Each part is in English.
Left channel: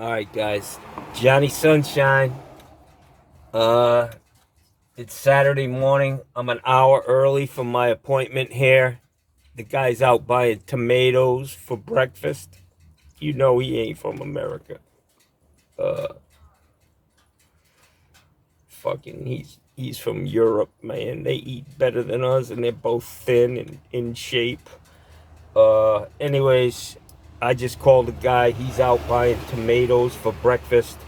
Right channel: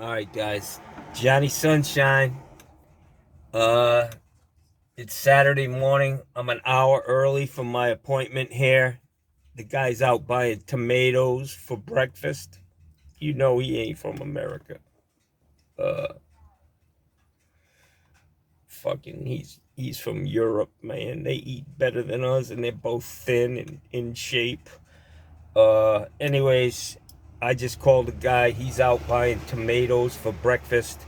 All right, guys. Johnny Sunshine. Uh, it's Saturday morning. I'm an hour early from my appointment here. The guy's out buying tomatoes for breakfast. You know he ain't from America. Uh, fucking, he's from Europe, man. They eat better than us, and they're both thin and in shape. Anyways, I just called the guy. He's out buying tomatoes for breakfast.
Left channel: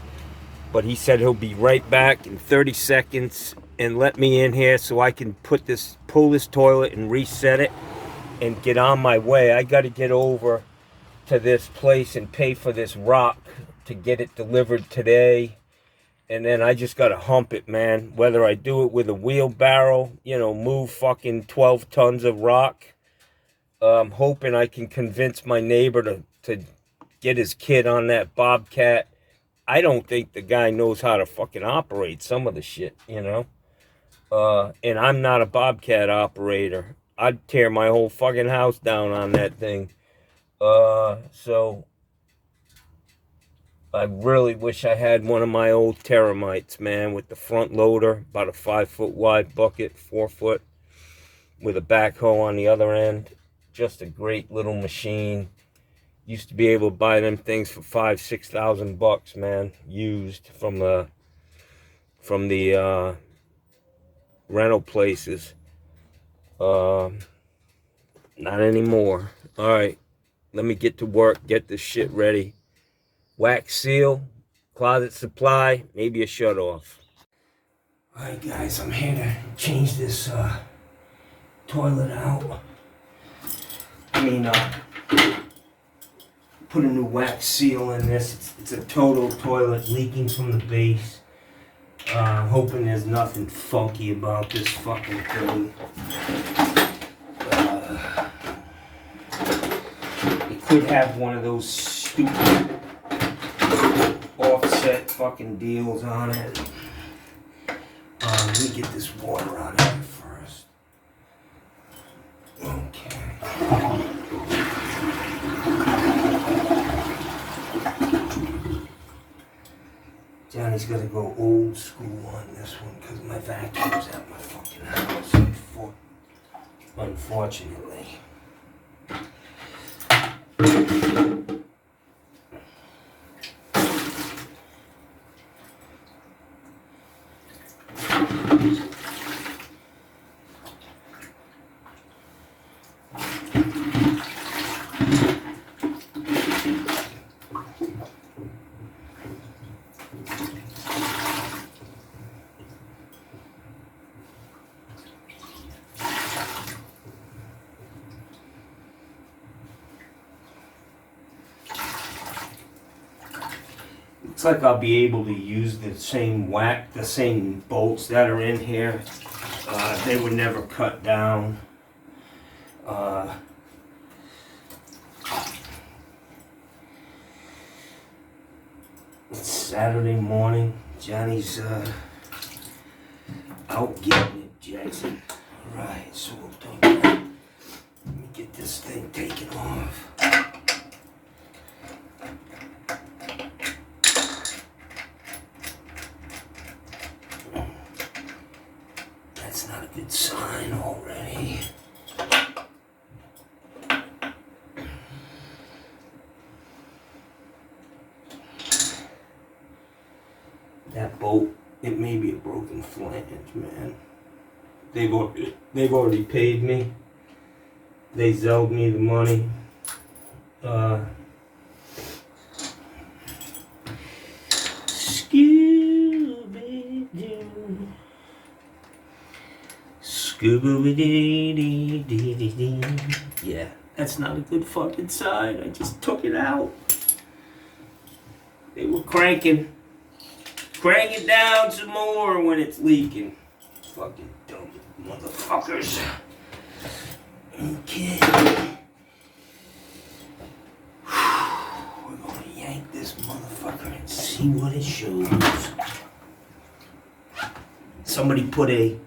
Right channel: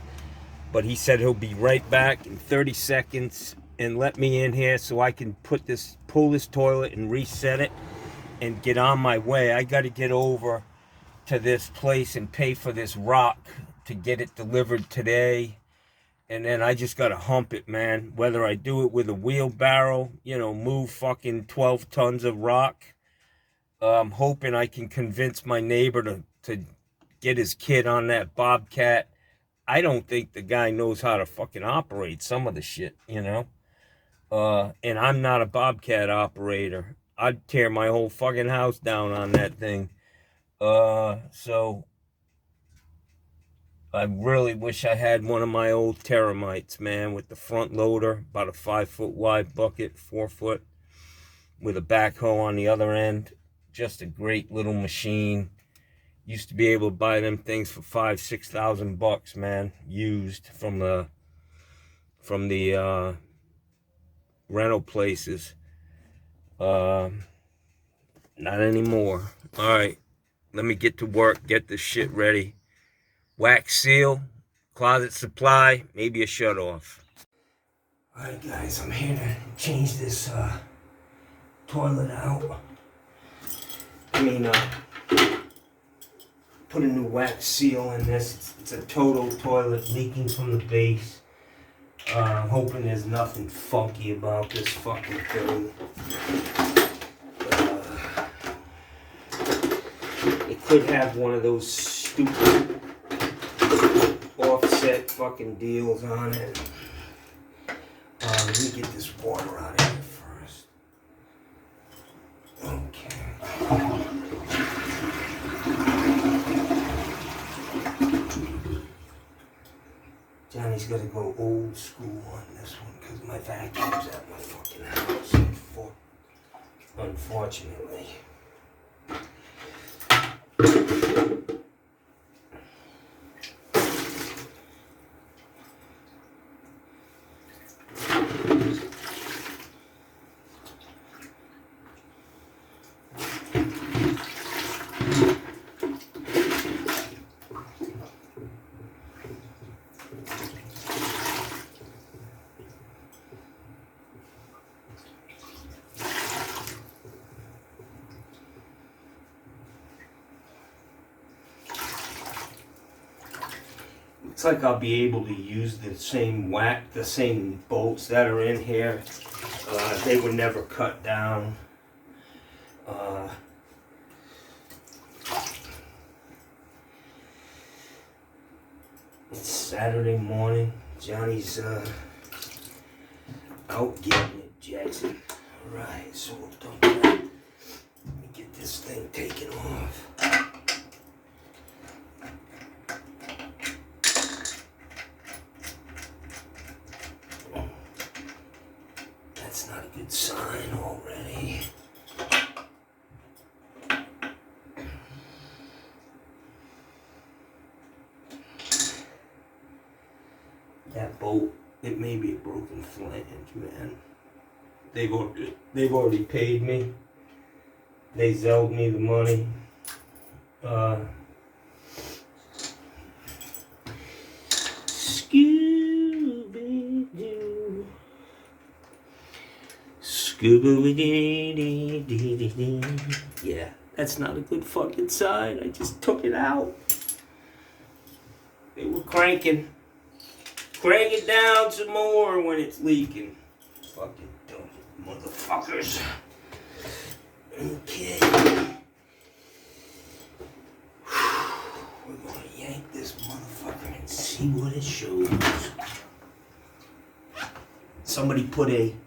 But he said he'll be right back in 30 seconds and let me in here so I can pull this toilet and reset it and get on my way. I got to get over to this place and pay for this rock to get it delivered today. And then I just got to hump it, man. Whether I do it with a wheelbarrow, move fucking 12 tons of rock. I'm hoping I can convince my neighbor to get his kid on that Bobcat. I don't think the guy knows how to fucking operate some of the shit, and I'm not a Bobcat operator. I'd tear my whole fucking house down on that thing. So I really wish I had one of my old Terramites, man, with the front loader, about a 5-foot wide bucket, 4 foot, with a backhoe on the other end. Just a great little machine. Used to be able to buy them things for $5,000-6,000, man, used from the rental places. Not anymore. All right, let me get to work. Get this shit ready. Wax seal, closet supply, maybe a shut off. All right, guys, I'm here to change this toilet out. Put a new wax seal in this. It's a total toilet leaking from the base. I'm hoping there's nothing funky about this fucking thing. It could have one of those stupid offset fucking deals on it. Let me get this water out of here first. Okay. Johnny's got to go old school on this one because my vacuum's at my fucking house, unfortunately. Looks like I'll be able to use the same bolts that are in here. They were never cut down. It's Saturday morning. Johnny's out getting it, Jackson. Alright, so we'll do that. Let me get this thing taken off. That's not a good sign already. That bolt, it may be a broken flange, man. They've already paid me. They zelled me the money. Scooby-Doo. Scooby-Doo. Yeah, that's not a good fucking sign. I just took it out. They were cranking. Crank it down some more when it's leaking. Fucking dumb motherfuckers. Okay. We're gonna yank this motherfucker and see what it shows. Somebody put a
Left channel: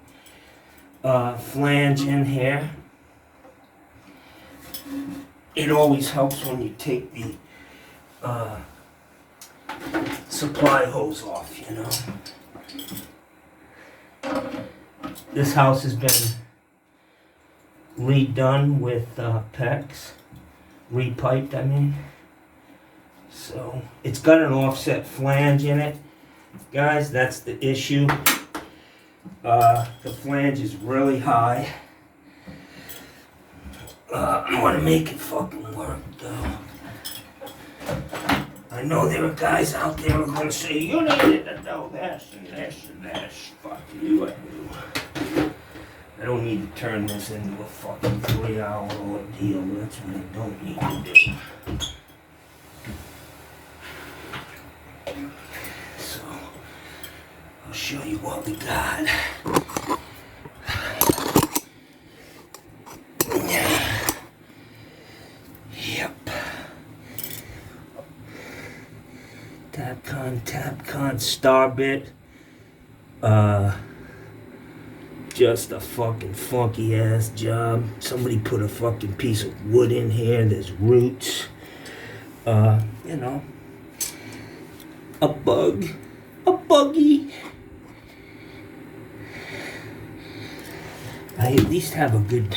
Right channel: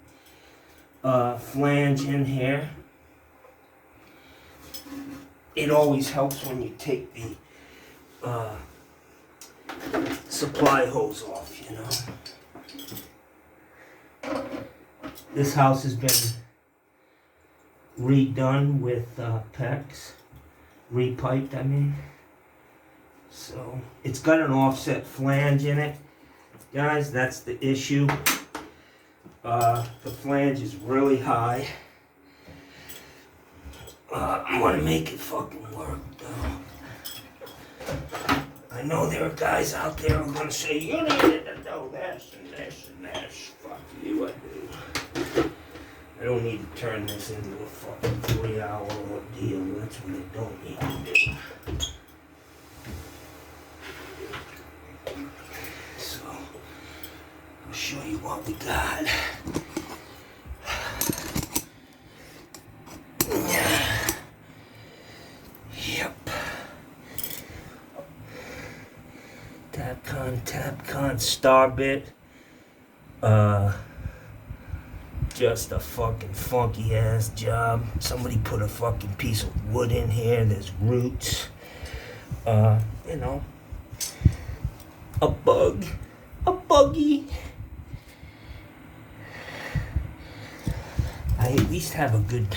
flange in here. It always helps when you take the supply hose off, you know. This house has been redone with PEX, repiped, I mean. So it's got an offset flange in it. Guys, that's the issue. The flange is really high. I want to make it fucking work, though. I know there are guys out there who are going to say, you needed to know this and this and this. Fuck you, I do. I don't need to turn this into a fucking 3-hour ordeal. That's what I don't need to do. So, I'll show you what we got. Yep. Tapcon Starbit. Just a fucking funky ass job. Somebody put a fucking piece of wood in here. There's roots. You know. A buggy. I at least have a good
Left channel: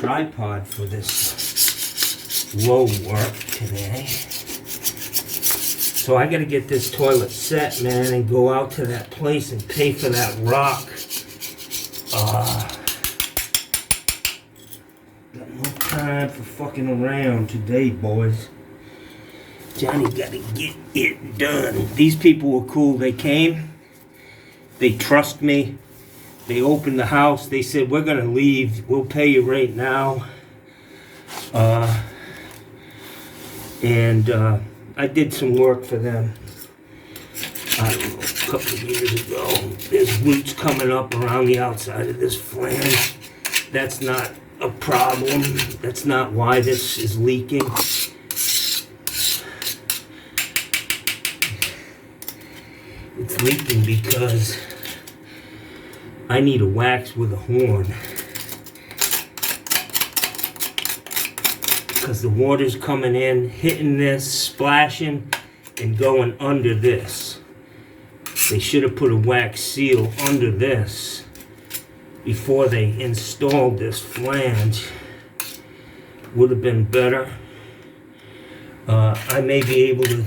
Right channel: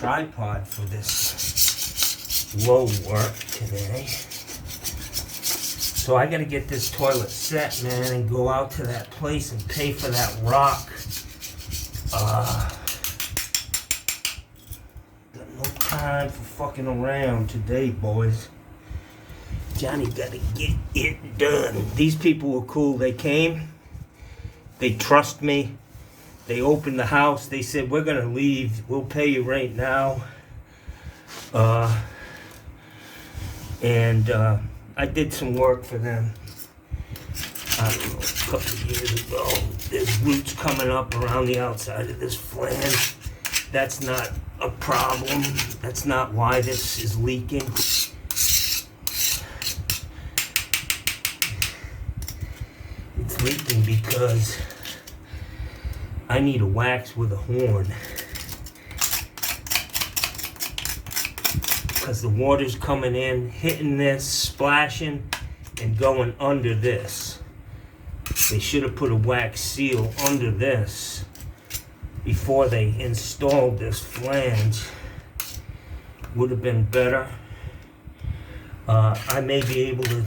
tripod for this low work today. So I gotta get this toilet set, man, and go out to that place and pay for that rock. Got no time for fucking around today, boys. Johnny gotta get it done. These people were cool. They came. They trust me. They opened the house. They said, we're gonna leave. We'll pay you right now. I did some work for them. I don't know, a couple of years ago. There's roots coming up around the outside of this flange. That's not a problem. That's not why this is leaking. It's leaking because I need a wax with a horn. Because the water's coming in, hitting this, splashing, and going under this. They should have put a wax seal under this before they installed this flange. Would have been better. I may be able to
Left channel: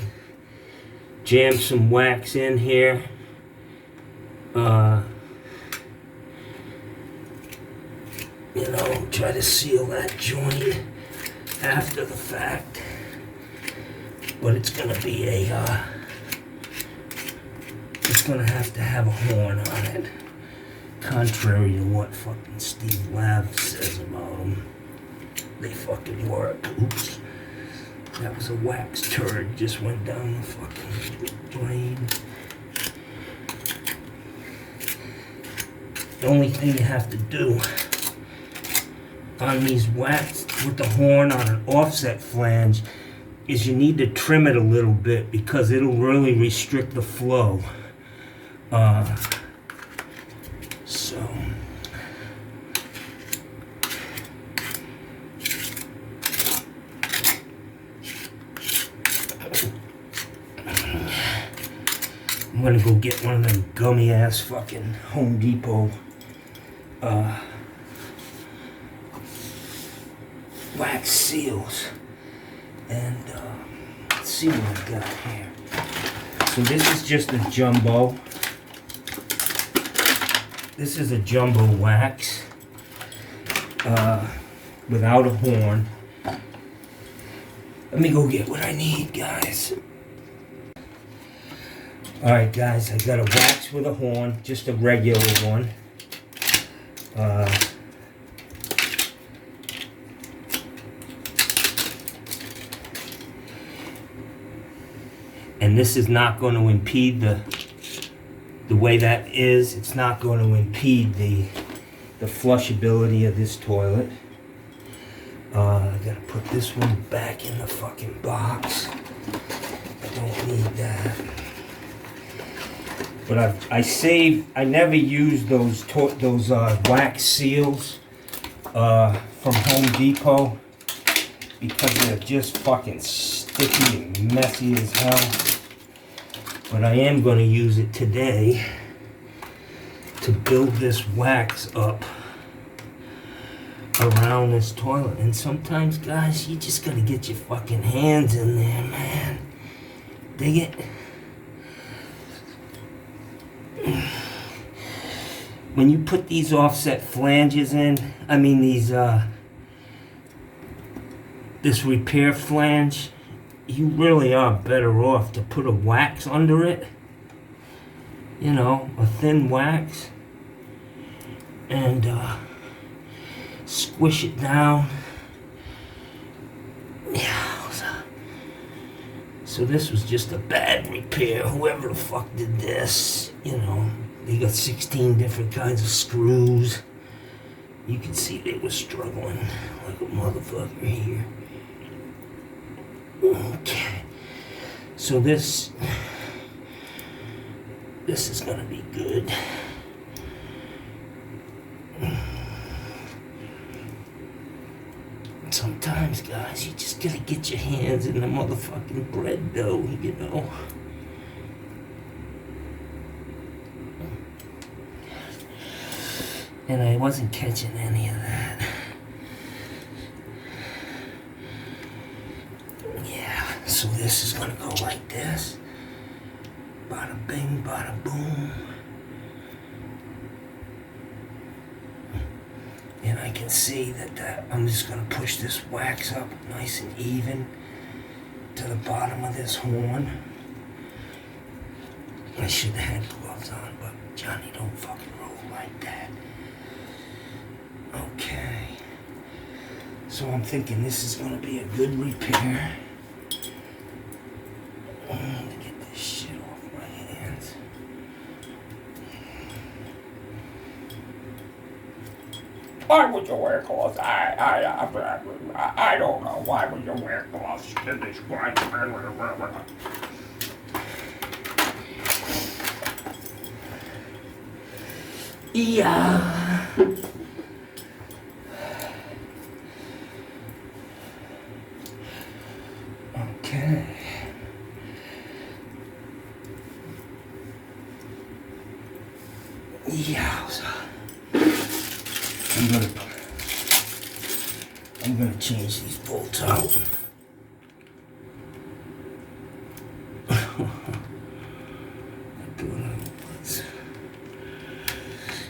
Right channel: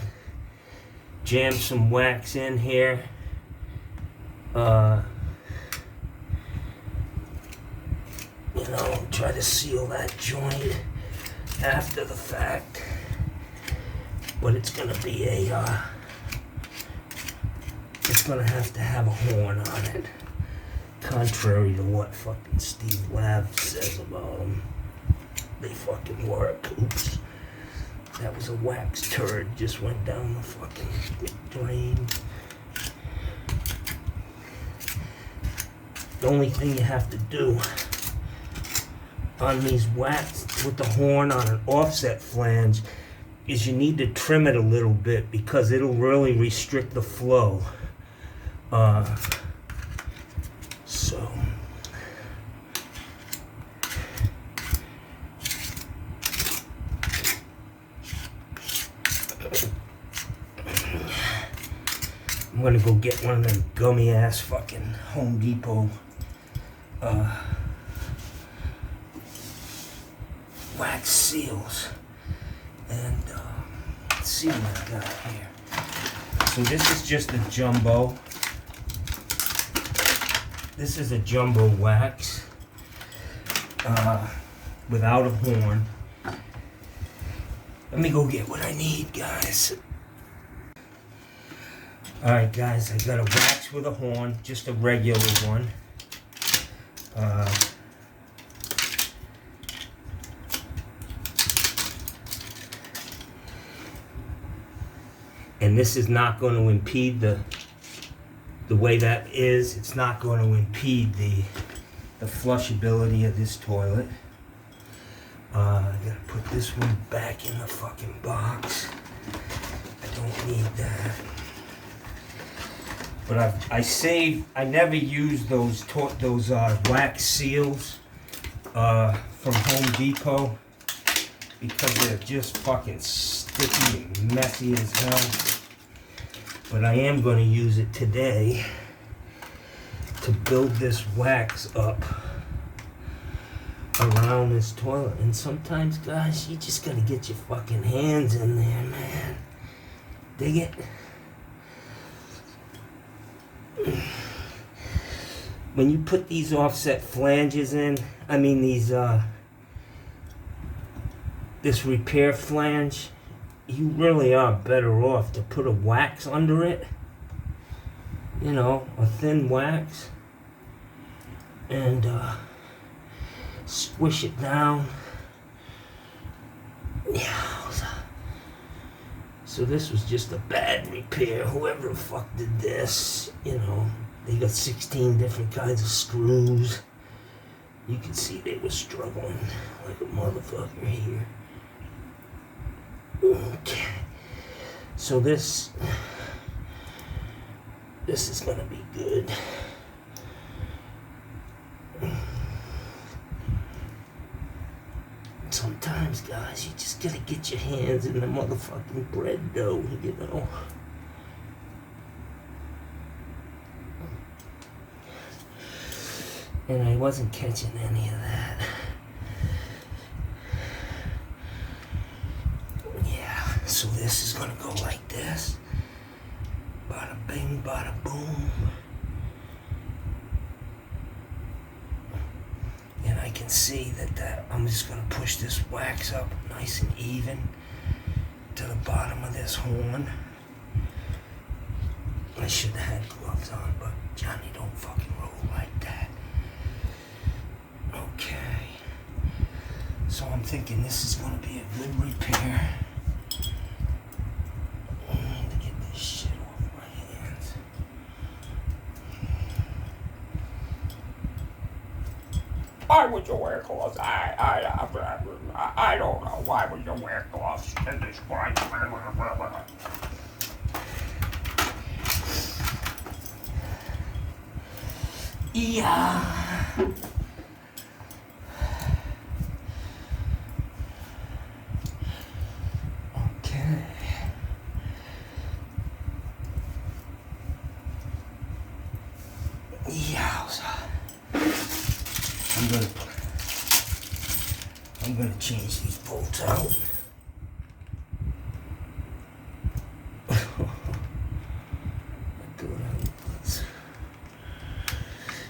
jam some wax in here. You know, try to seal that joint after the fact, but it's gonna be it's gonna have to have a horn on it, contrary to what fucking Steve Lav says about them. They fucking work. Oops, that was a wax turd, just went down the fucking drain. The only thing you have to do on these wax with the horn on an offset flange is you need to trim it a little bit because it'll really restrict the flow. So I'm gonna go get one of them gummy ass fucking Home Depot wax seals, and let's see what I've got here. So this is just a jumbo. This is a jumbo wax without a horn. Let me go get what I need, guys. Alright guys, I got a wax with a horn, just a regular one. And this is not going to impede the way that is. It's not going to impede the flushability of this toilet. I gotta put this one back in the fucking box. I don't need that. But I never use those wax seals from Home Depot. because they're just fucking sticky and messy as hell. But I am going to use it today to build this wax up around this toilet. And sometimes, guys, you just got to get your fucking hands in there, man. Dig it? When you put these offset flanges in, I mean these, this repair flange, you really are better off to put a wax under it. You know, a thin wax. And, squish it down. Yeah. So this was just a bad repair. Whoever the fuck did this, you know, they got 16 different kinds of screws. You can see they were struggling like a motherfucker here. Okay. So this is gonna be good. Sometimes, guys, you just gotta get your hands in the motherfucking bread dough, you know. And I wasn't catching any of that. Yeah, so this is gonna go like this. Bada bing, bada boom. And I can see that I'm just going to push this wax up nice and even to the bottom of this horn. I should have had gloves on, but Johnny don't fucking roll like that. Okay. So I'm thinking this is going to be a good repair. To get this shit off my hands. Why would you wear gloves? I don't know. Why would you wear gloves in this way? Yeah. Okay. Yeah. I'm gonna change these bolts out.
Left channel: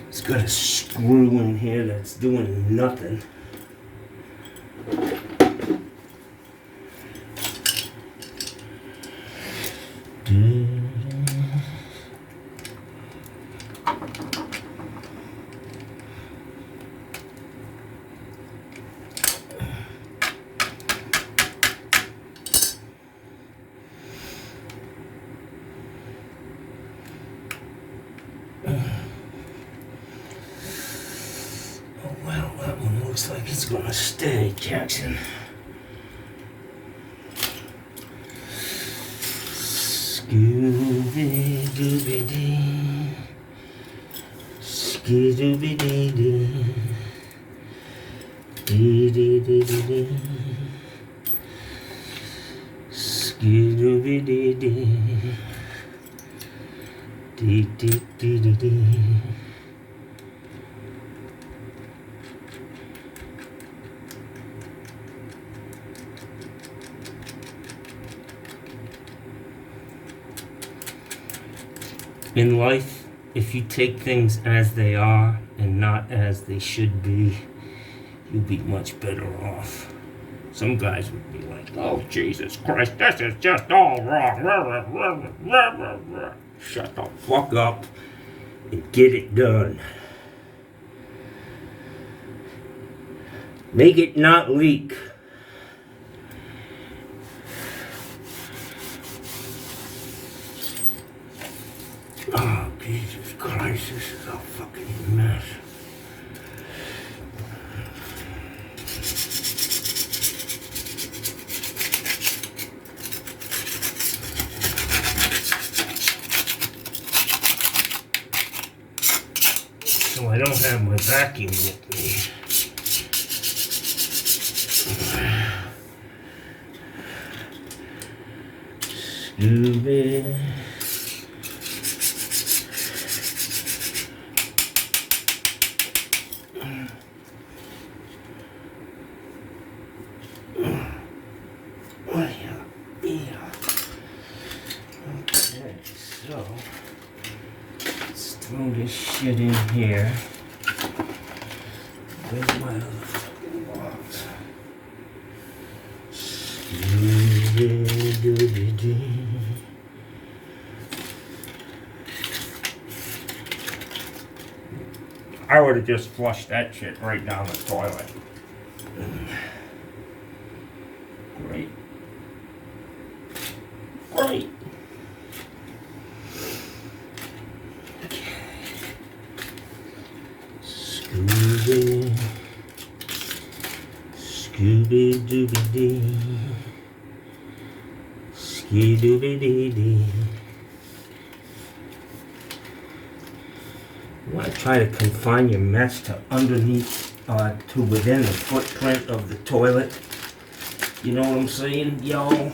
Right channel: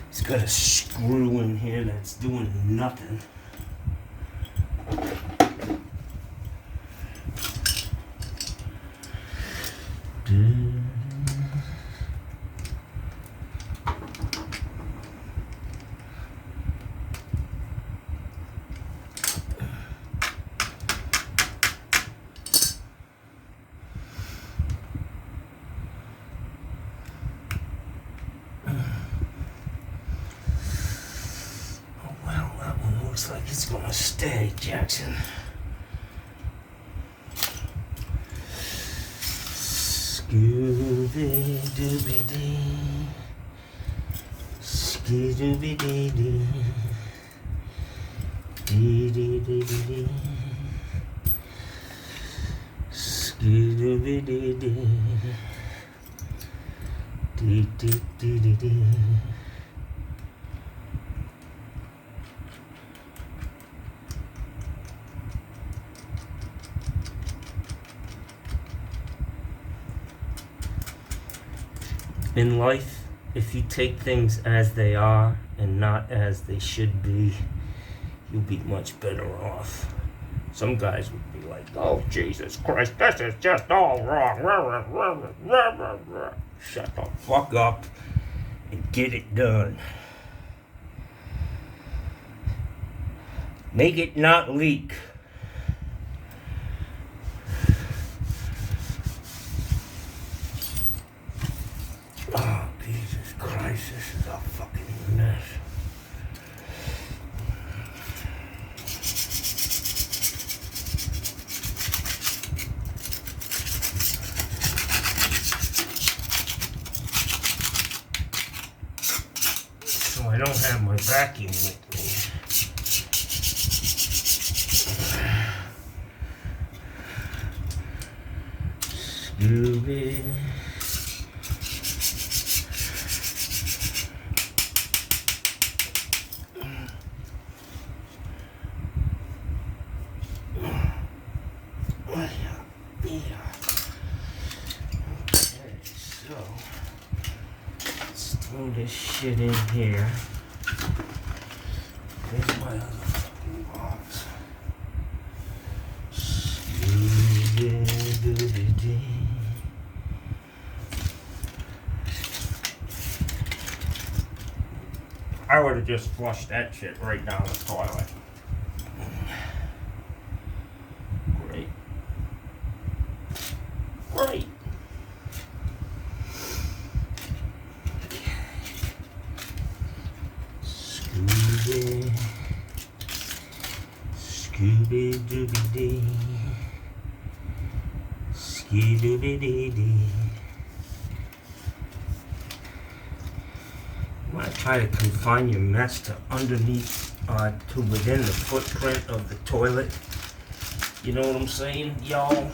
It's got a screw in here that's doing nothing. Looks like it's gonna stay, Jackson. Scooby-Dooby-Dee. Skee-Dooby-Dee-Dee. Dee-Dee-Dee-Dee-Dee. Skee-Dooby-Dee-Dee. Dee-Dee-Dee-Dee-Dee. In life, if you take things as they are and not as they should be, you'll be much better off. Some guys would be like, oh, Jesus Christ, this is just all wrong. Shut the fuck up and get it done. Make it not leak. Oh, Jesus Christ, this is a fucking mess. So I don't have my vacuum with me. Scooby. Yeah. Okay, so let's throw this shit in here. Where's my other box? I would have just flushed that shit right down the toilet. Great. Great. Scooby. Scooby Dooby Dee. Ski Dooby Dee Dee. You want to try to confine your mess to underneath, to within the footprint of the toilet. You know what I'm saying, y'all?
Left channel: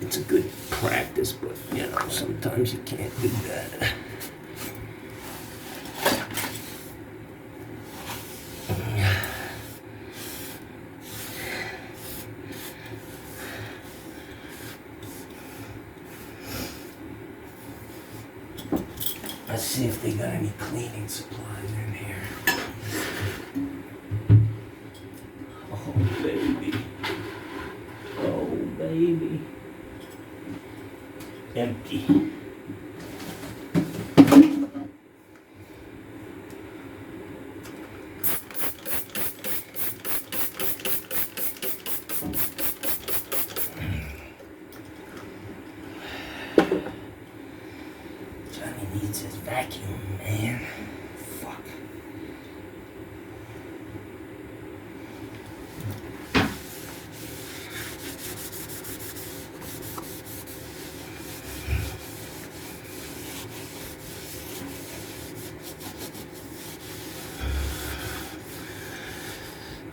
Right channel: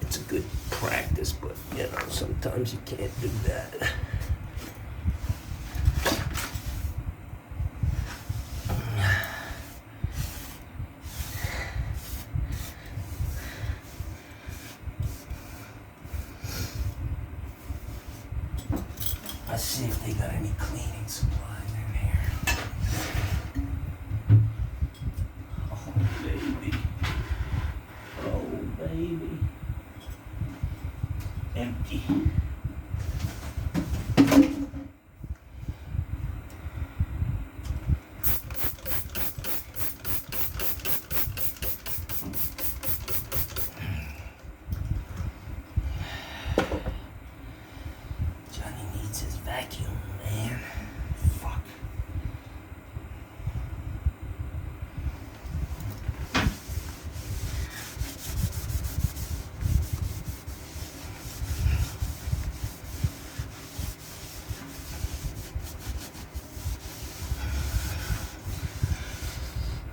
It's a good practice, but you know, sometimes you can't do that. Let's see if they got any cleaning supplies in here. Oh, baby. Oh, baby. Empty. Johnny needs his vacuum, man. Fuck.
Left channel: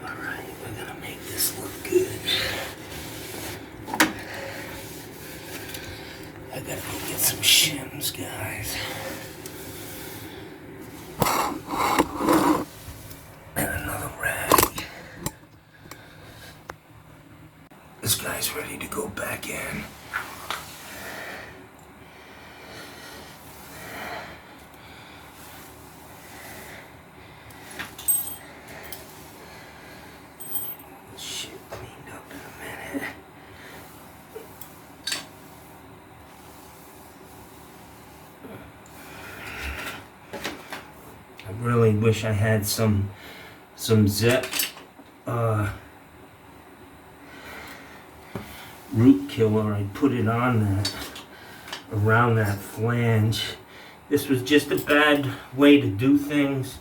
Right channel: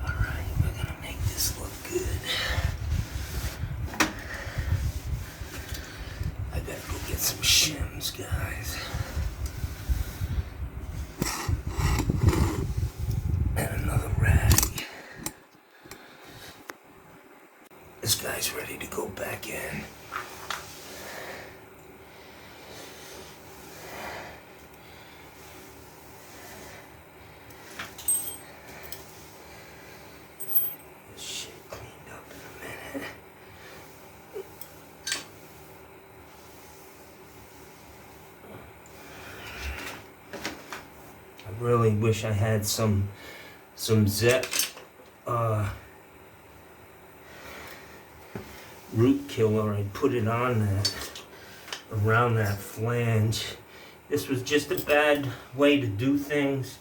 Alright, we're gonna make this look good. I gotta go get some shims, guys. And another rag. This guy's ready to go back in. This shit cleaned up in a minute. I really wish I had some Zep root killer. I put it on that, around that flange. This was just a bad way to do things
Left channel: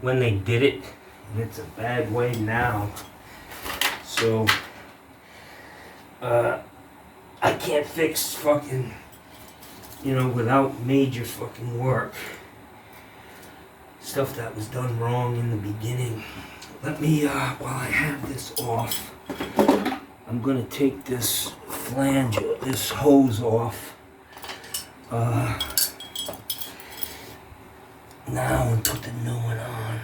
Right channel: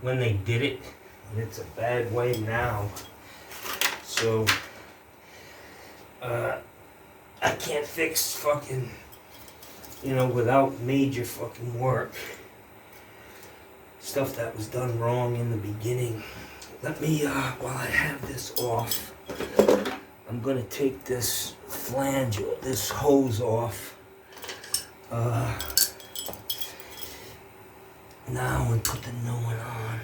when they did it, and it's a bad way now. So I can't fix fucking, you know, without major fucking work. Stuff that was done wrong in the beginning. Let me, while I have this off, I'm gonna take this flange, this hose off now and put the new one on.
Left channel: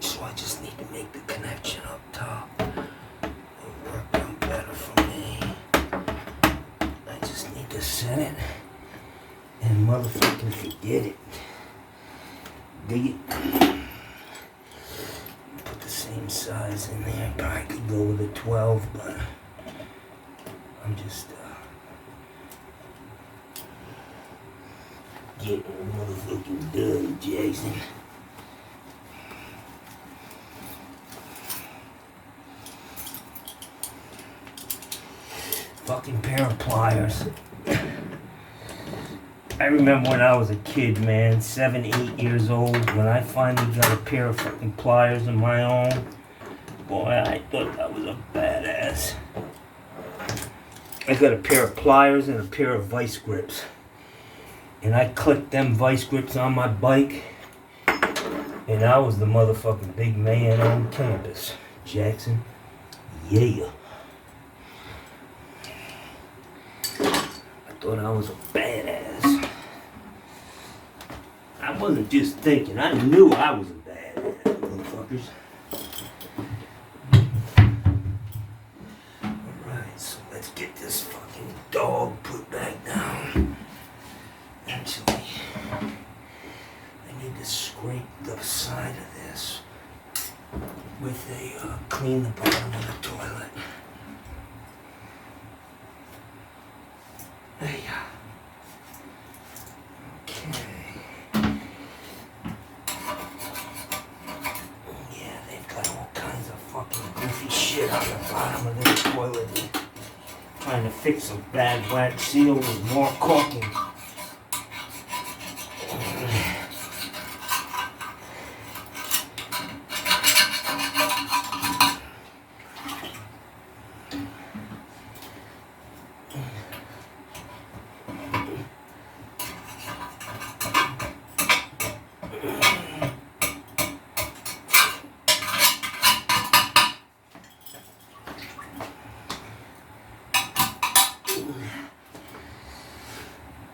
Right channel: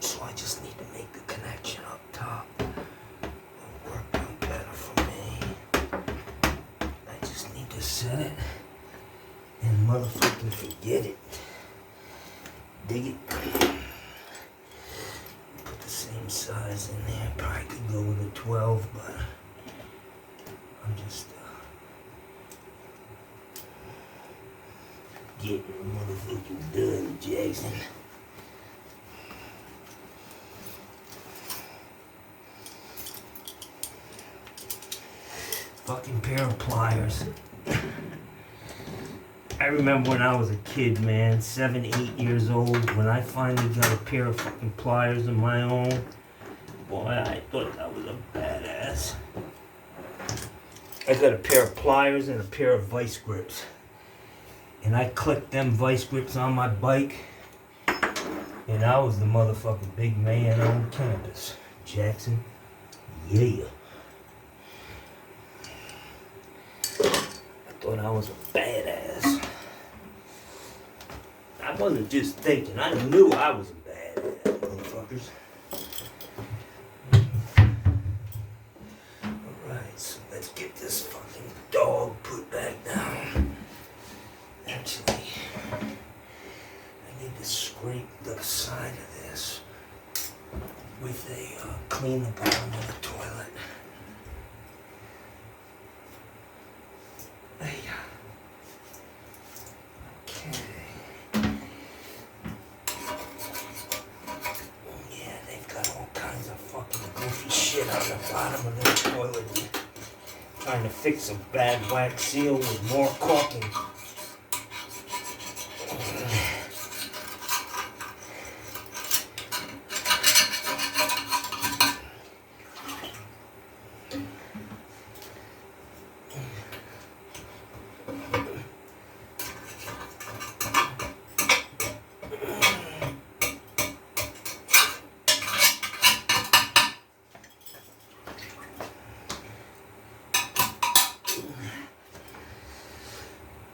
So I just need to make the connection up top. It'll work out better for me. I just need to set it and motherfucking forget it. Dig it. Put the same size in there. Probably could go with a 12, but I'm just getting the motherfucking done, Jason. Fucking pair of pliers. I remember when I was a kid, man, 7, 8 years old, when I finally got a pair of fucking pliers of my own. Boy, I thought that was a badass. I got a pair of pliers and a pair of vice grips. And I clicked them vice grips on my bike. And I was the motherfucking big man on campus. Jackson. Yeah. I thought I was a badass. I wasn't just thinking, I knew I was a badass, motherfuckers. Alright, so let's get this fucking dog put back down. Actually, I need to scrape the side of this with a, clean the bottom of the toilet. Hey. Okay. Yeah, they've got all kinds of fucking goofy shit on the bottom of their toilet. Trying to fix a bad black seal with more caulking.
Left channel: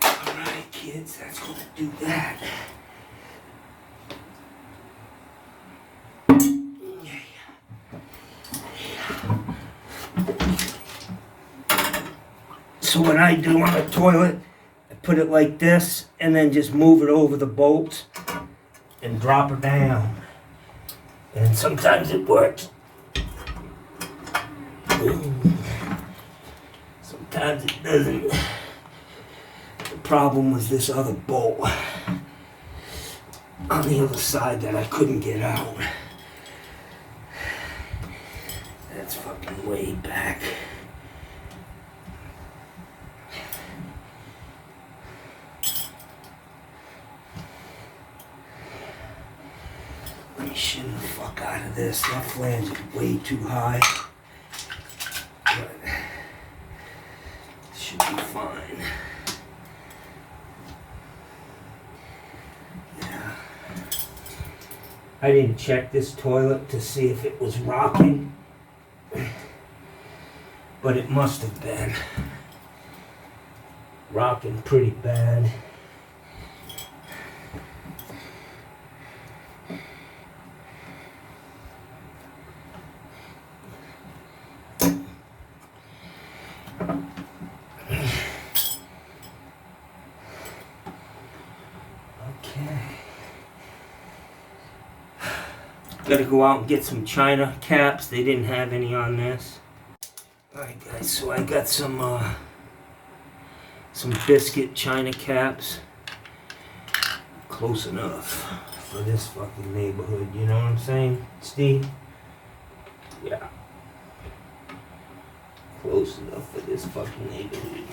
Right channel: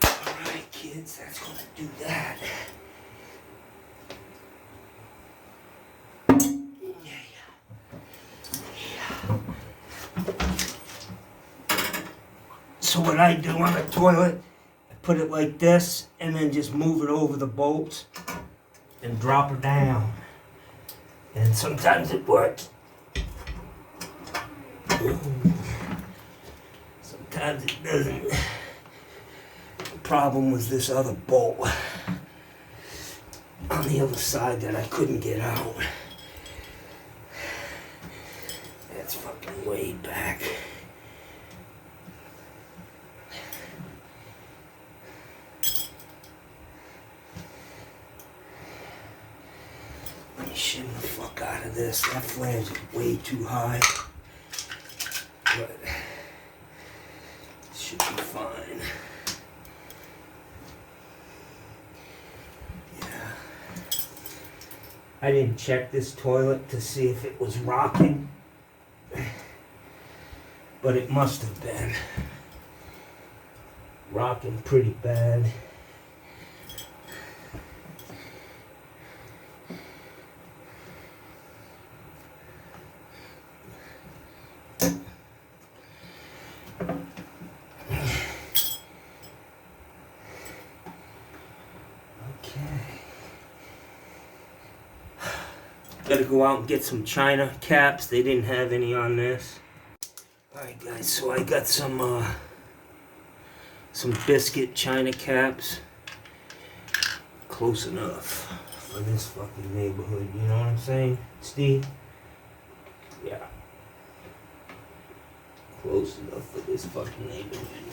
Alright, kids, that's gonna do that. So what I do on the toilet, I put it like this and then just move it over the bolts and drop it down. And sometimes it works. Sometimes it doesn't. The problem was this other bolt on the other side that I couldn't get out. That's fucking way back. Be shitting the fuck out of this. That flange is way too high. But it should be fine. Yeah. I didn't check this toilet to see if it was rocking. But it must have been. Rocking pretty bad. Gotta go out and get some China caps. They didn't have any on this. Alright guys, so I got some biscuit China caps. Close enough for this fucking neighborhood, you know what I'm saying, Steve? Yeah. Close enough for this fucking neighborhood.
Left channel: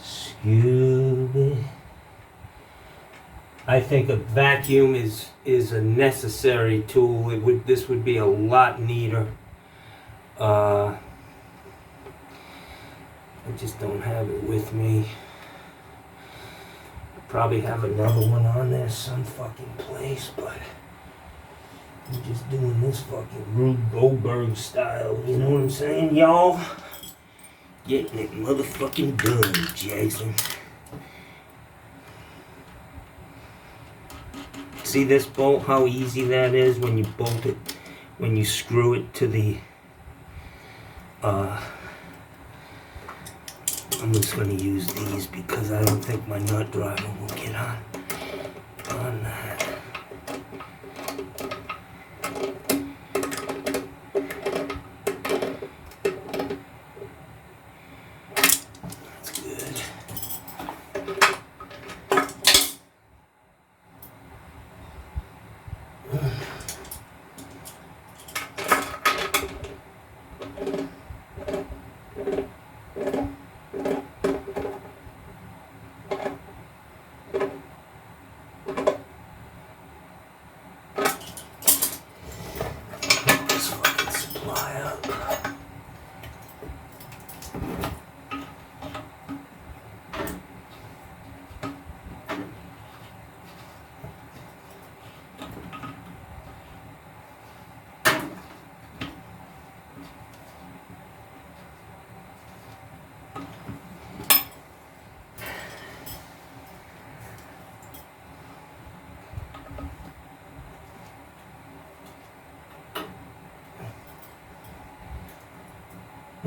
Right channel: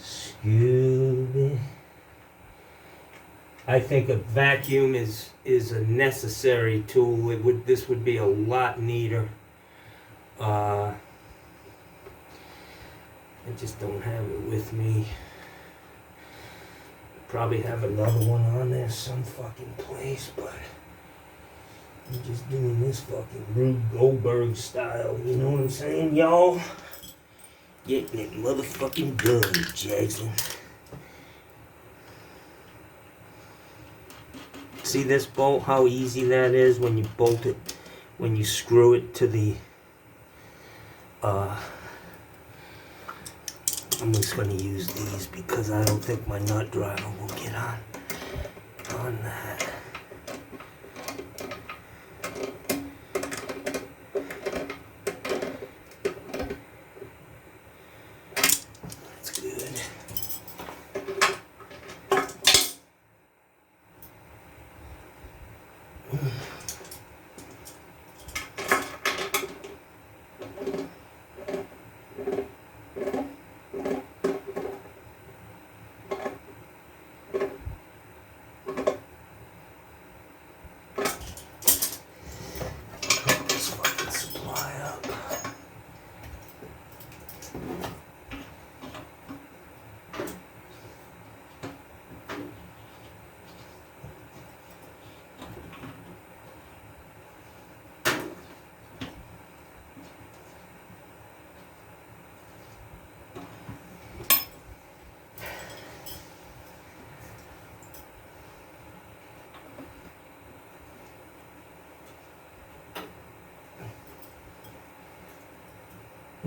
Scooby. I think a vacuum is a necessary tool. This would be a lot neater. I just don't have it with me. I probably have another one on there some fucking place, but I'm just doing this fucking Rube Goldberg style. You know what I'm saying, y'all? Getting it motherfucking done, Jackson. See this bolt, how easy that is when you bolt it, when you screw it to the, I'm just going to use these because I don't think my nut driver will get on that.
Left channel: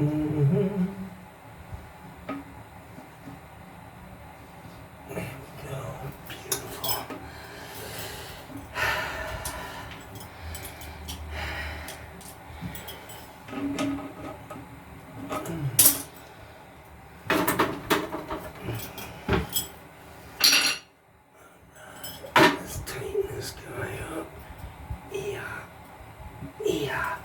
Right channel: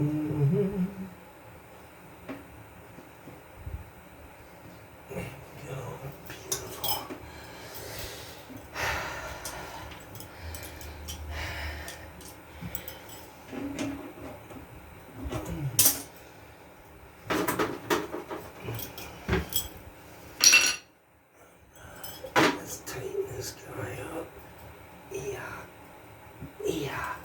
Mm-hmm. There we go. Beautiful. Let's tighten this guy up. Yeah. Yeah.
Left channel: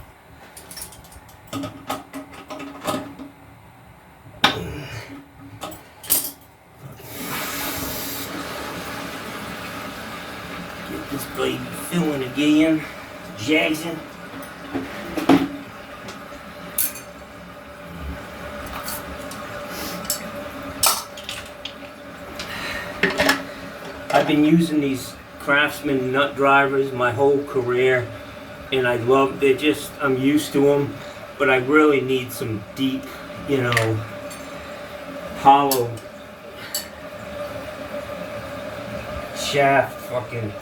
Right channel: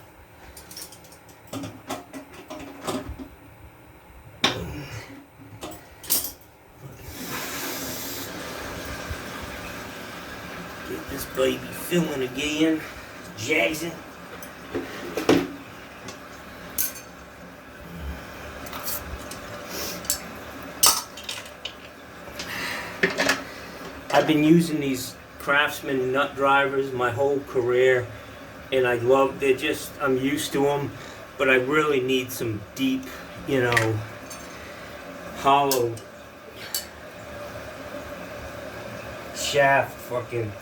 Get this baby filling again. Jackson. I've been using these Craftsman nut drivers my whole career, and I love, I'm used to them, but I really need some deep, hollow shaft fucking.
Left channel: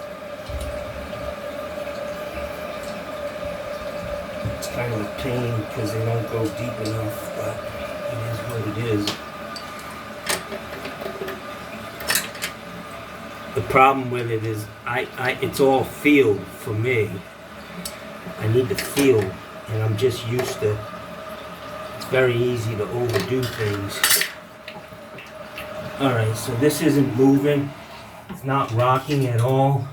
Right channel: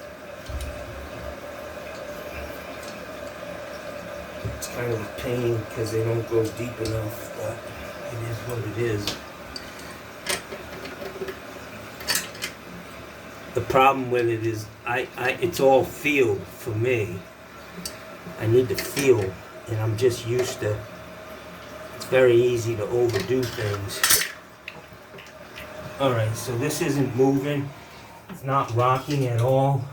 It's kind of a pain because they don't go deep enough, but it is what it is. The problem with it is it's all feel for me. I need to feel, and I'm just used to, it's very easy to overdo things. Alright, so this isn't moving. It's not rocking at all.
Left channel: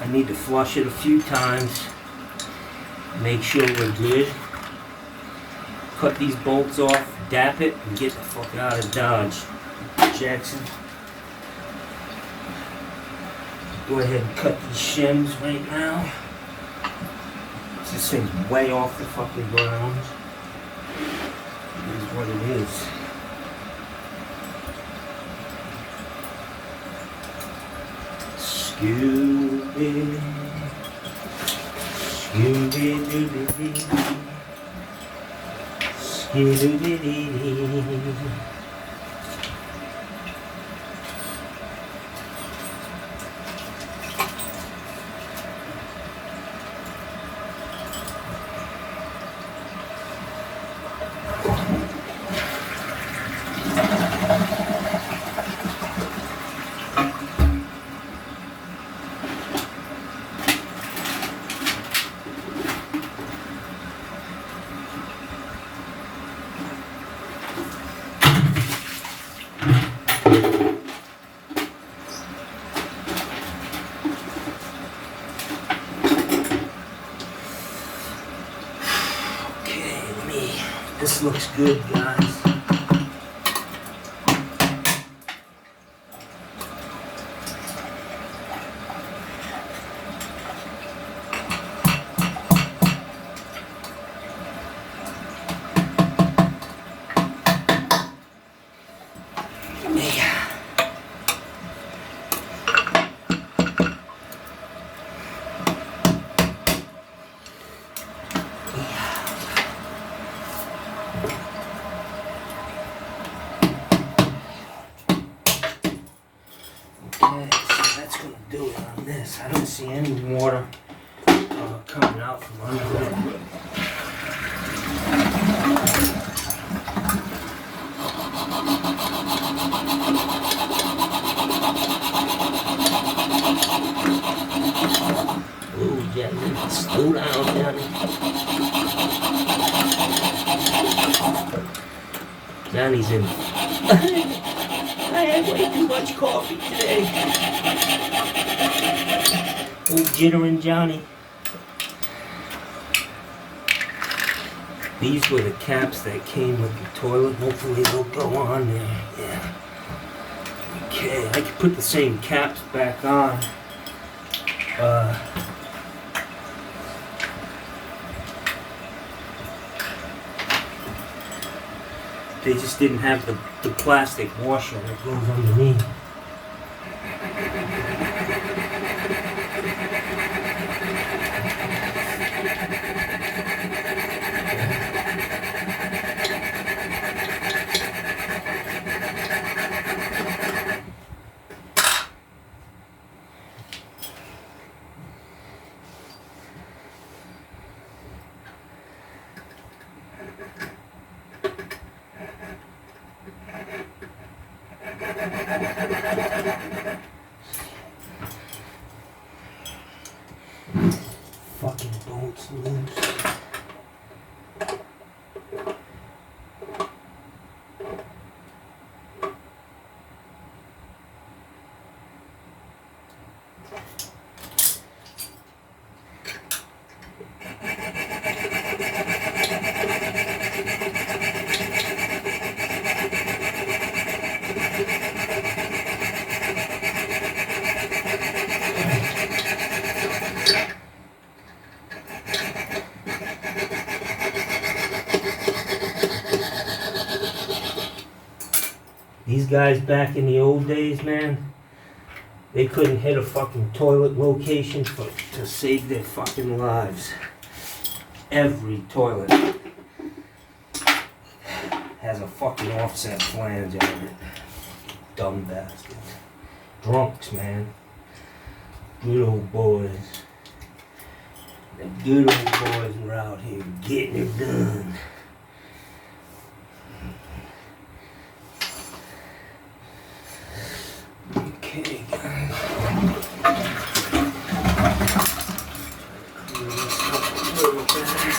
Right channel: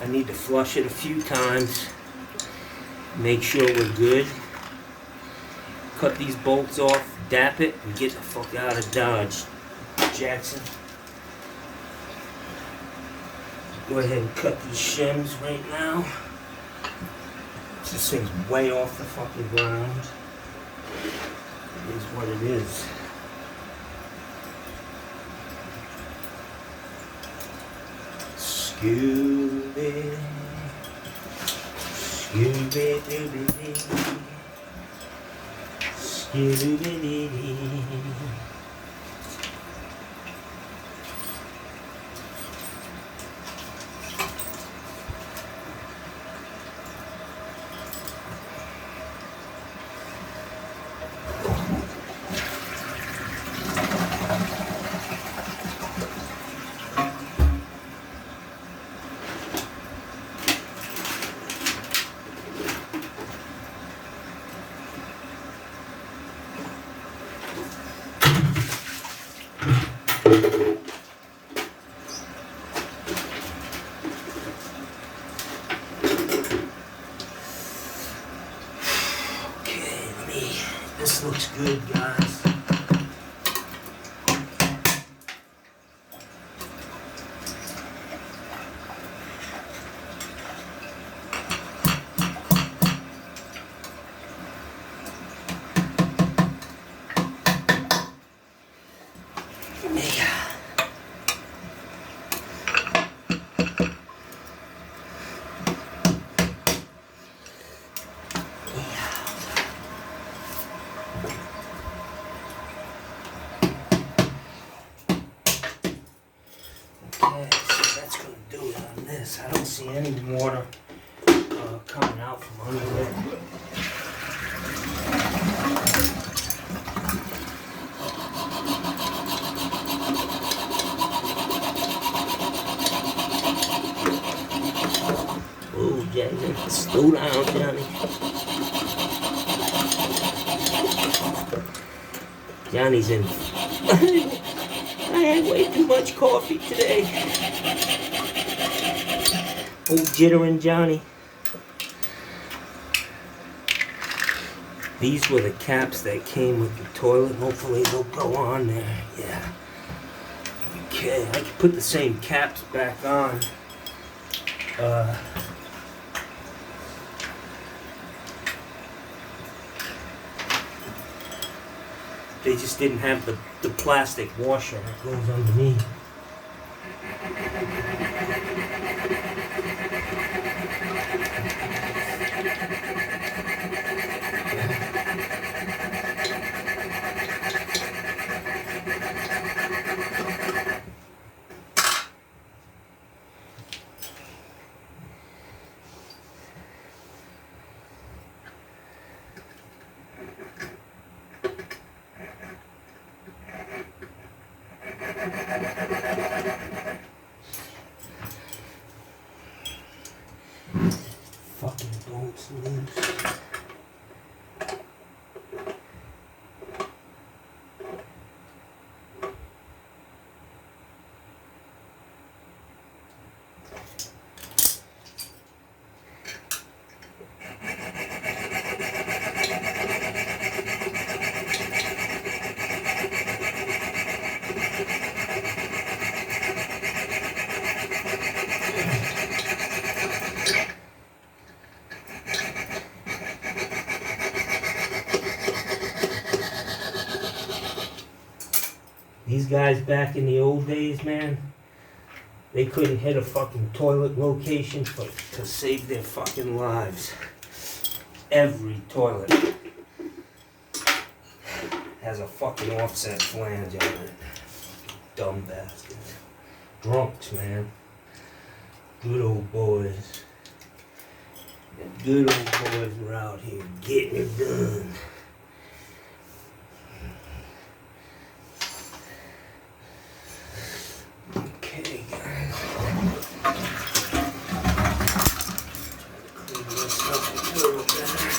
I need to flush it a few times. Make sure we're good. Cut these bolts off, dap it, and get the fuck out of Dodge. Jackson. Go ahead and cut these shims right now. This thing's way off the fucking ground. It is what it is. Scooby. Scooby-Dooby. Scooby-Dooby. This looks good, guys. Okay, so that's going to do it on this. I don't see any water coming out from under it. Oh, Johnny, slow down, Johnny. Johnny's in. I had way too much coffee today. Old jittering Johnny. These were the caps that came with the toilet. Hopefully they'll go on there. Yeah. Okay, I could put the same caps back on. They just didn't have the plastic washer that goes underneath. Fucking bolts loose. These guys back in the old days, man, they couldn't hit a fucking toilet location to save their fucking lives. Every toilet has a fucking offset flange on it. Dumb bastards. Drunks, man. Good old boys. The good old boys were out here getting it done. Okay, guys. Clean this up a little better.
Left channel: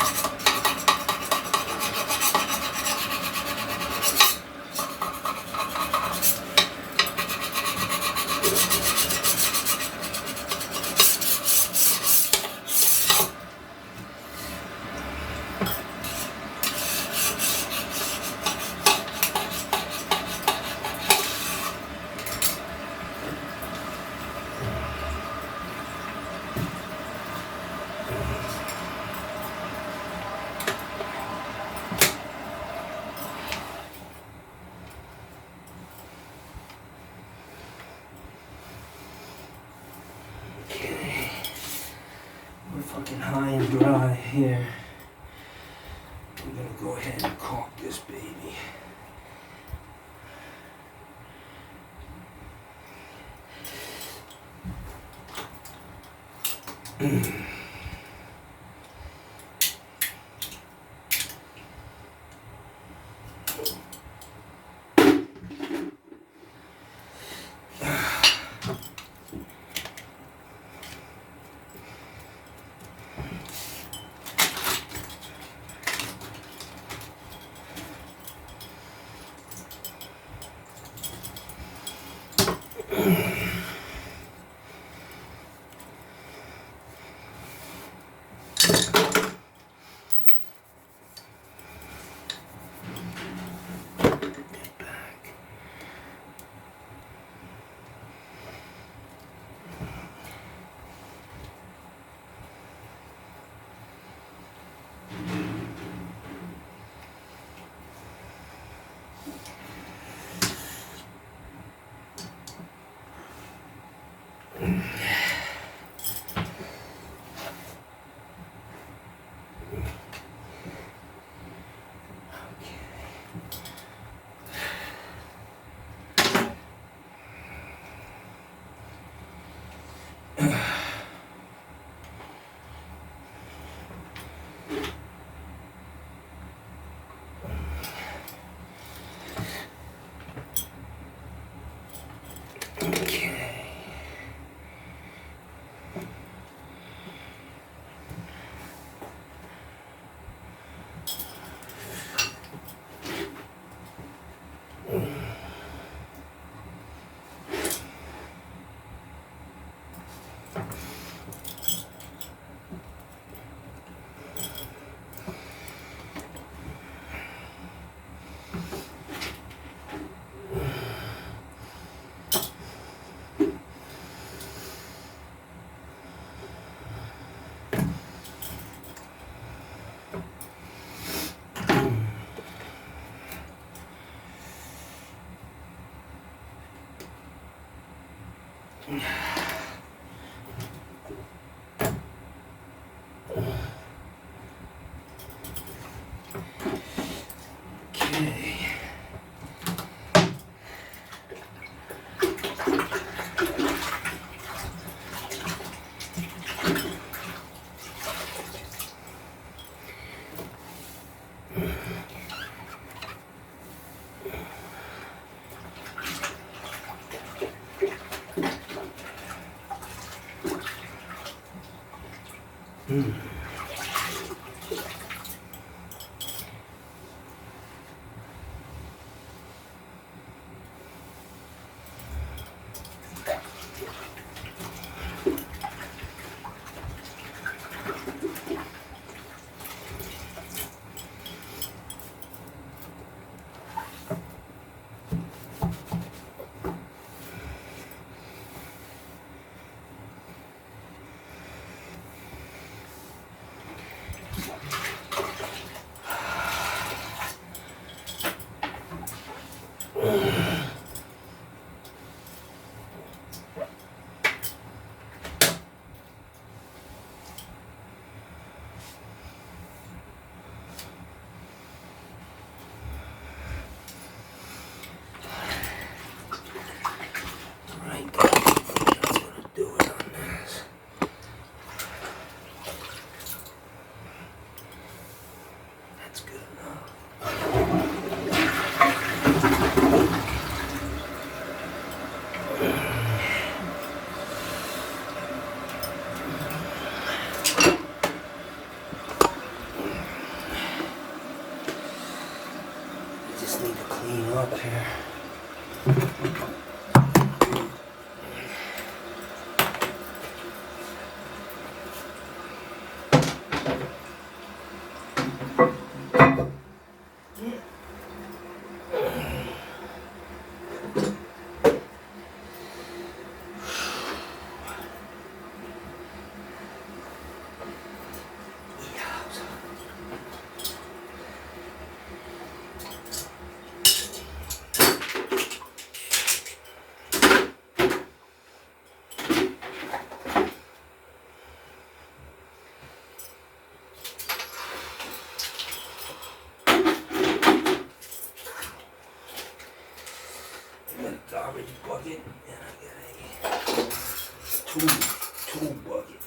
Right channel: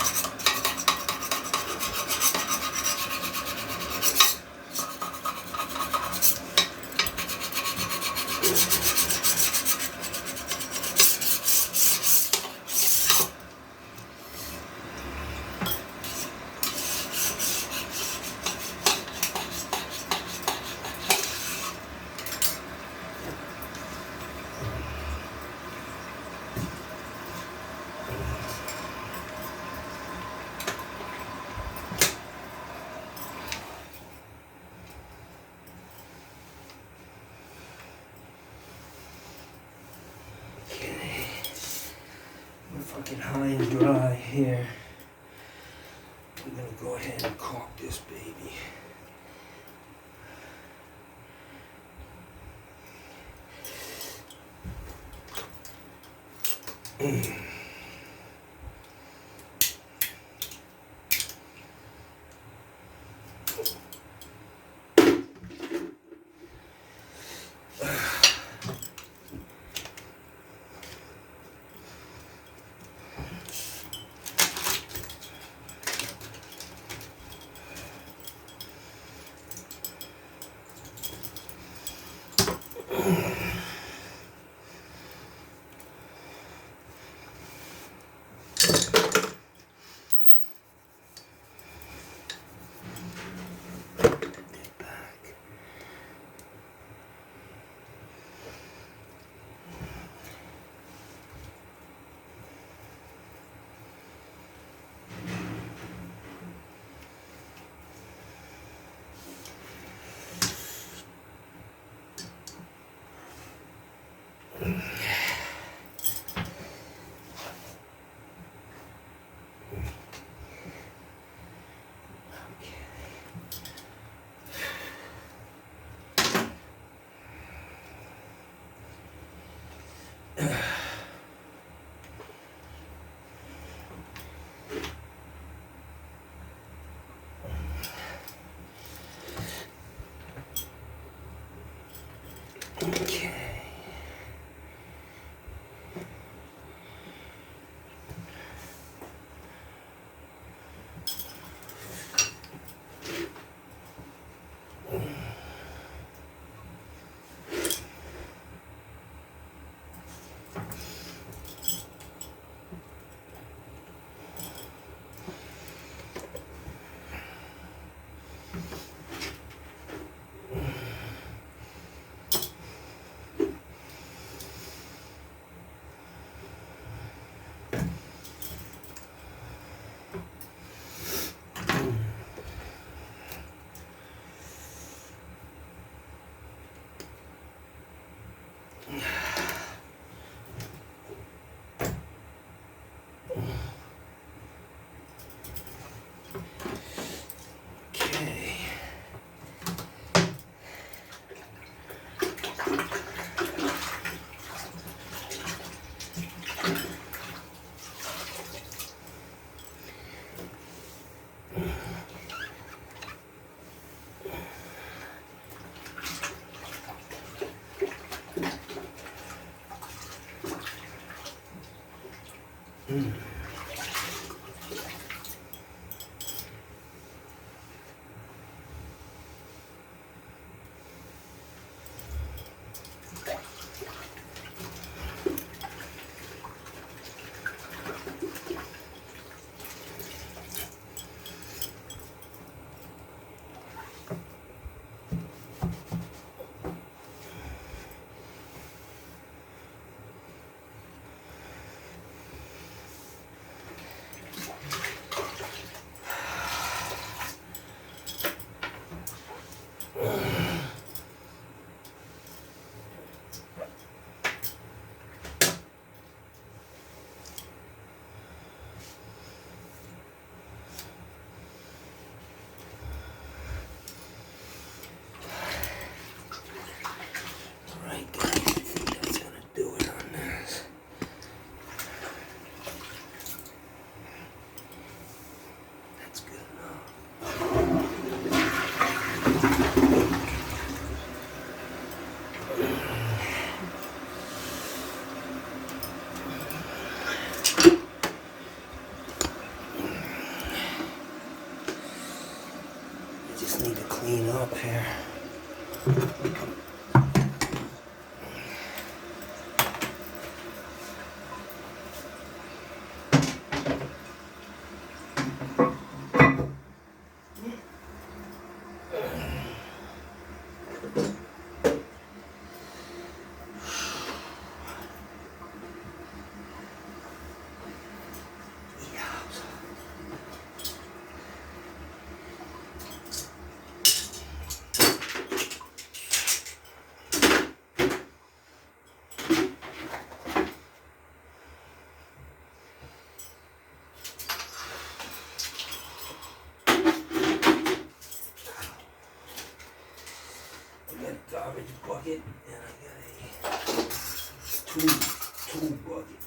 Okay, we're fucking high and dry here. I'm gonna go ahead and caulk this baby. Okay. Okay. Just need to clean up here. Garbage bucket and I got a tool bucket.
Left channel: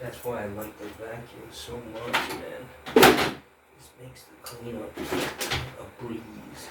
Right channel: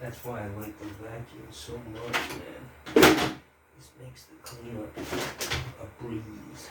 That's why I like the vacuum so much, man. This makes the cleanup a breeze.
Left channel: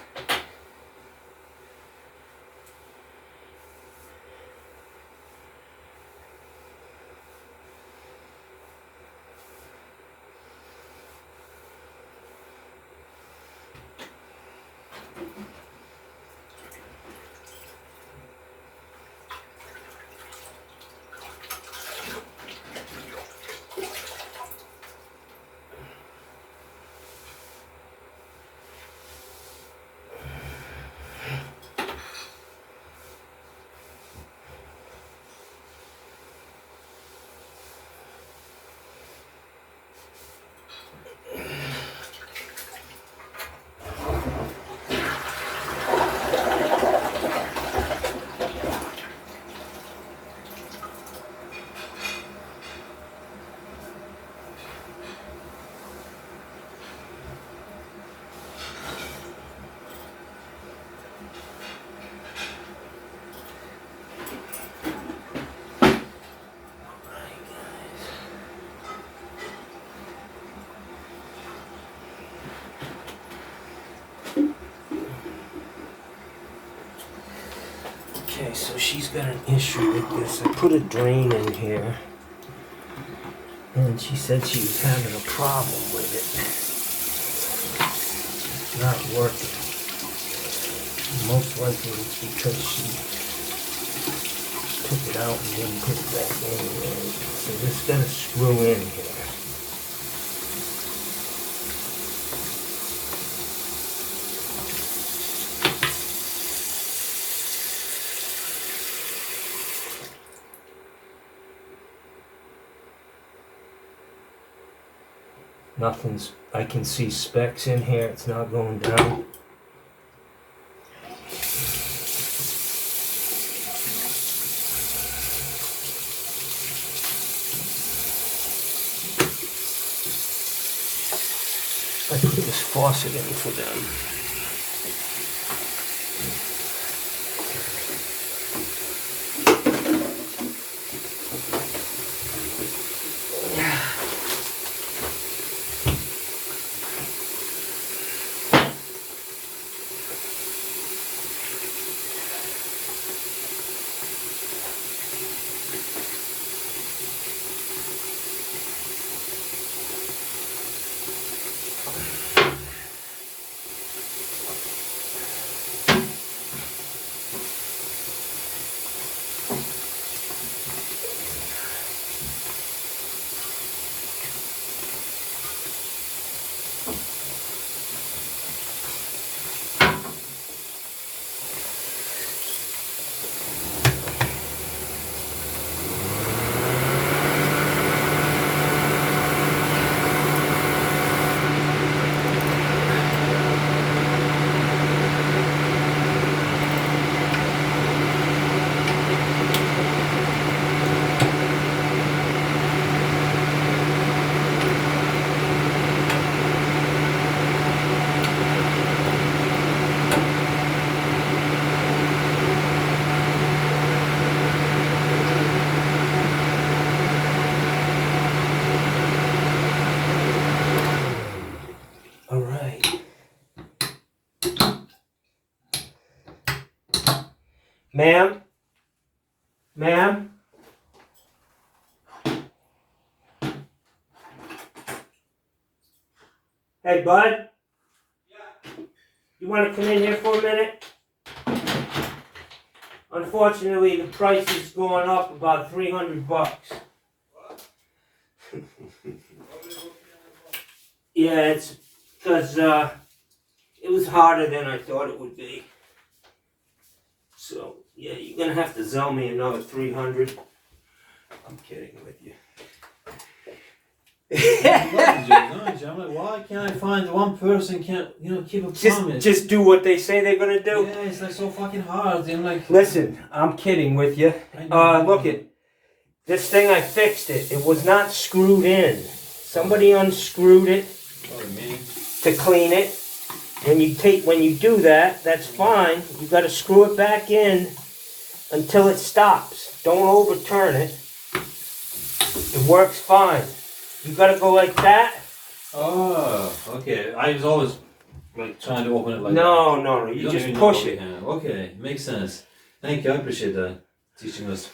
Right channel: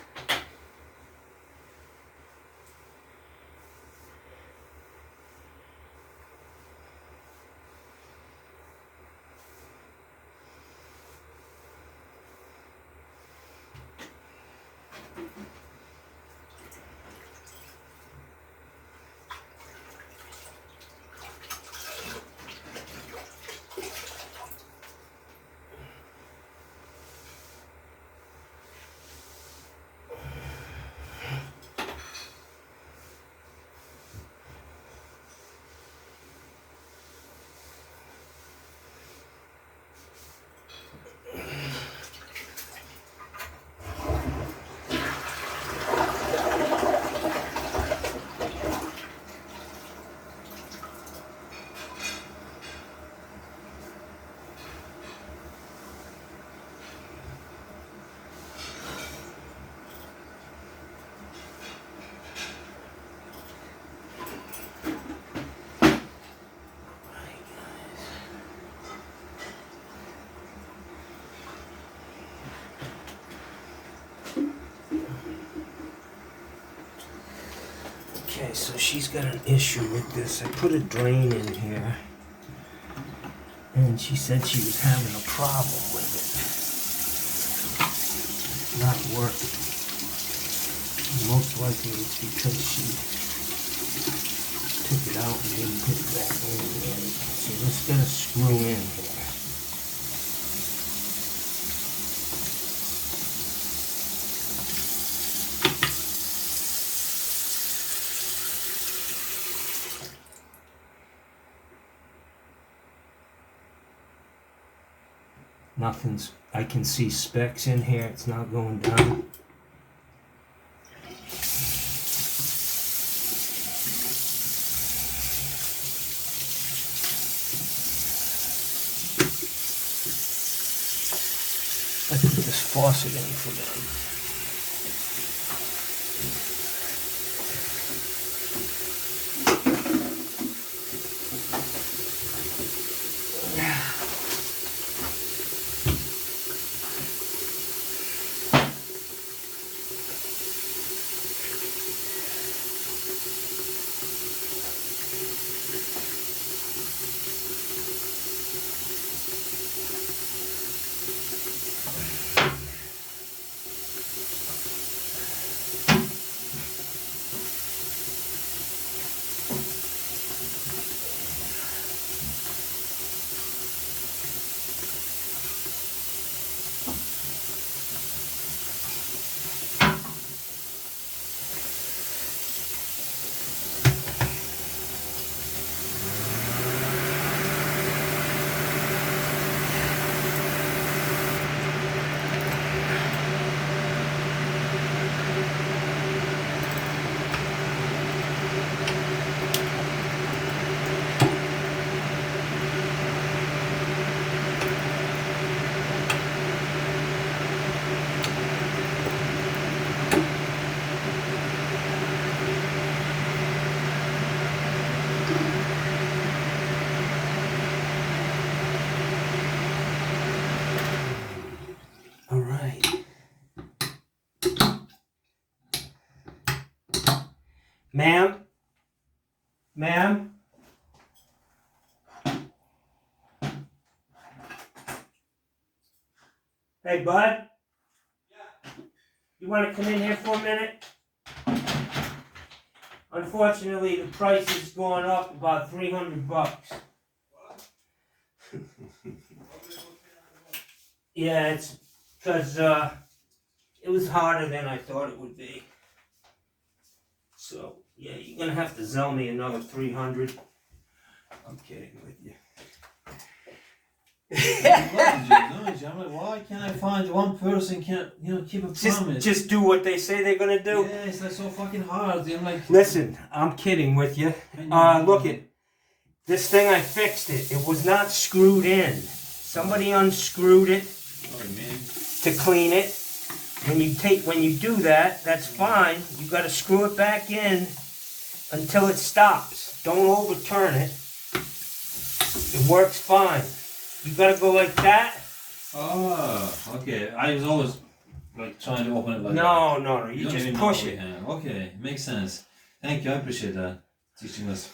so she's got an issue with this. I put a drain in here, and she said she was having a problem with it. It's not working. Most likely it's because she took it out and didn't put it back in. So this is gonna screw in here. Nothing's, I can see specks in here, it's not going down. I put this faucet in for them. Ma'am? Ma'am? Hey, bud? Yeah. You want to come in here for a minute? Unfortunately, the price is going up about $300. What? Yeah, it's because it was harder than I thought it would be. So, yeah, you're going to have to sell me another $300. I'm kidding with you. I'm like, why can't I find one person can't, keep a promise? Just do what they say they're going to do. Yeah, it's like so fucking hard. And like, listen, I'm kidding with you. Look it. This thing, I fixed it. It was not screwed in. Somebody unscrewed it to clean it. When you do that, that's fine. You got to screw it back in until it stops. Don't overturn it. It works fine. You got to go like that. Oh, okay. I was always like trying to open it like no, that. No. You just push it. Okay, makes sense. Thank you. I appreciate that. Teaching us.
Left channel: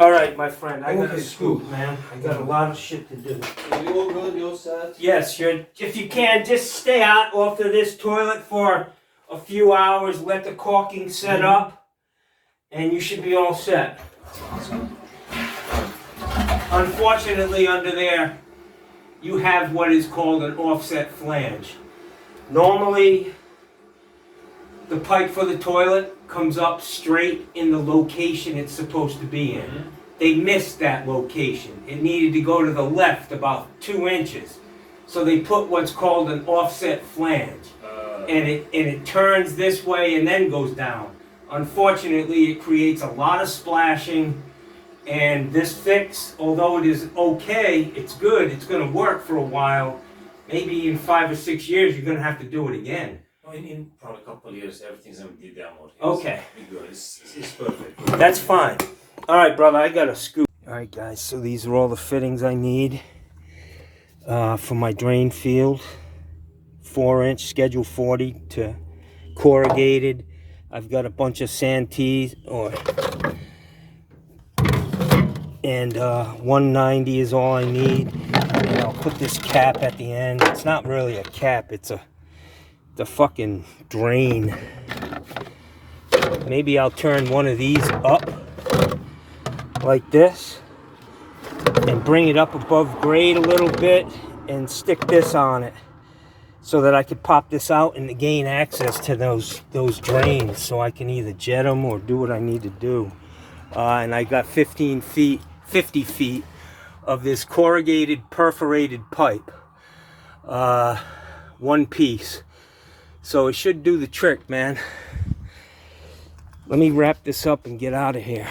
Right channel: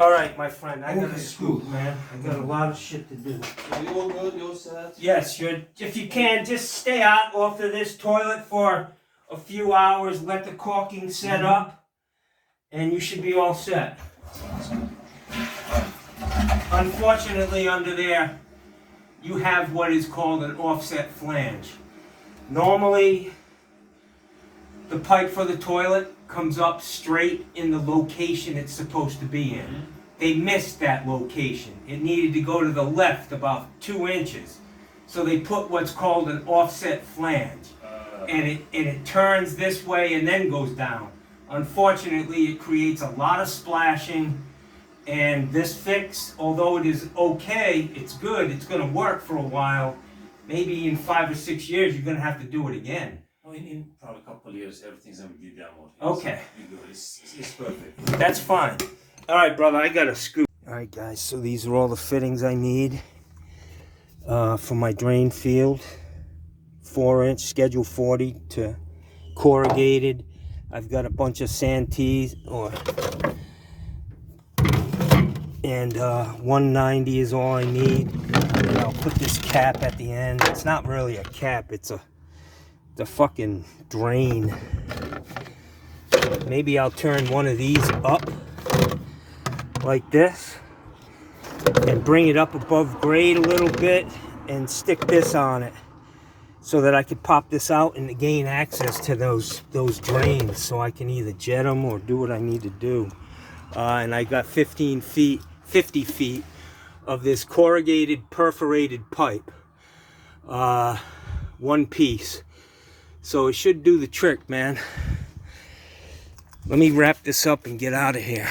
All right, my friend. I got to scoop, man. I got a lot of shit to do. Are you all good? You all set? Yes, if you can, just stay out off of this toilet for a few hours. Let the caulking set up, and you should be all set. Awesome. Unfortunately, under there, you have what is called an offset flange. Normally, the pipe for the toilet comes up straight in the location it's supposed to be in. Mm-hmm. They missed that location. It needed to go to the left about 2 inches. So they put what's called an offset flange. And it turns this way and then goes down. Unfortunately, it creates a lot of splashing. And this fix, although it is okay, it's good, it's going to work for a while. Maybe in 5 or 6 years, you're going to have to do it again. In probably a couple of years, everything's going to be demoed. Okay. It's perfect. That's fine. All right, brother, I got a scoop. All right, guys, so these are all the fittings I need for my drain field. 4-inch, schedule 40 to corrugated. I've got a bunch of Santees, and 190 is all I need. And I'll put this cap at the end. It's not really a cap, it's a fucking drain. Maybe I'll turn one of these up like this and bring it up above grade a little bit and stick this on it so that I could pop this out and gain access to those drains so I can either jet them or do what I need to do. And I got 50 feet of this corrugated perforated pipe, one piece. So it should do the trick, man. Let me wrap this up and get out of here.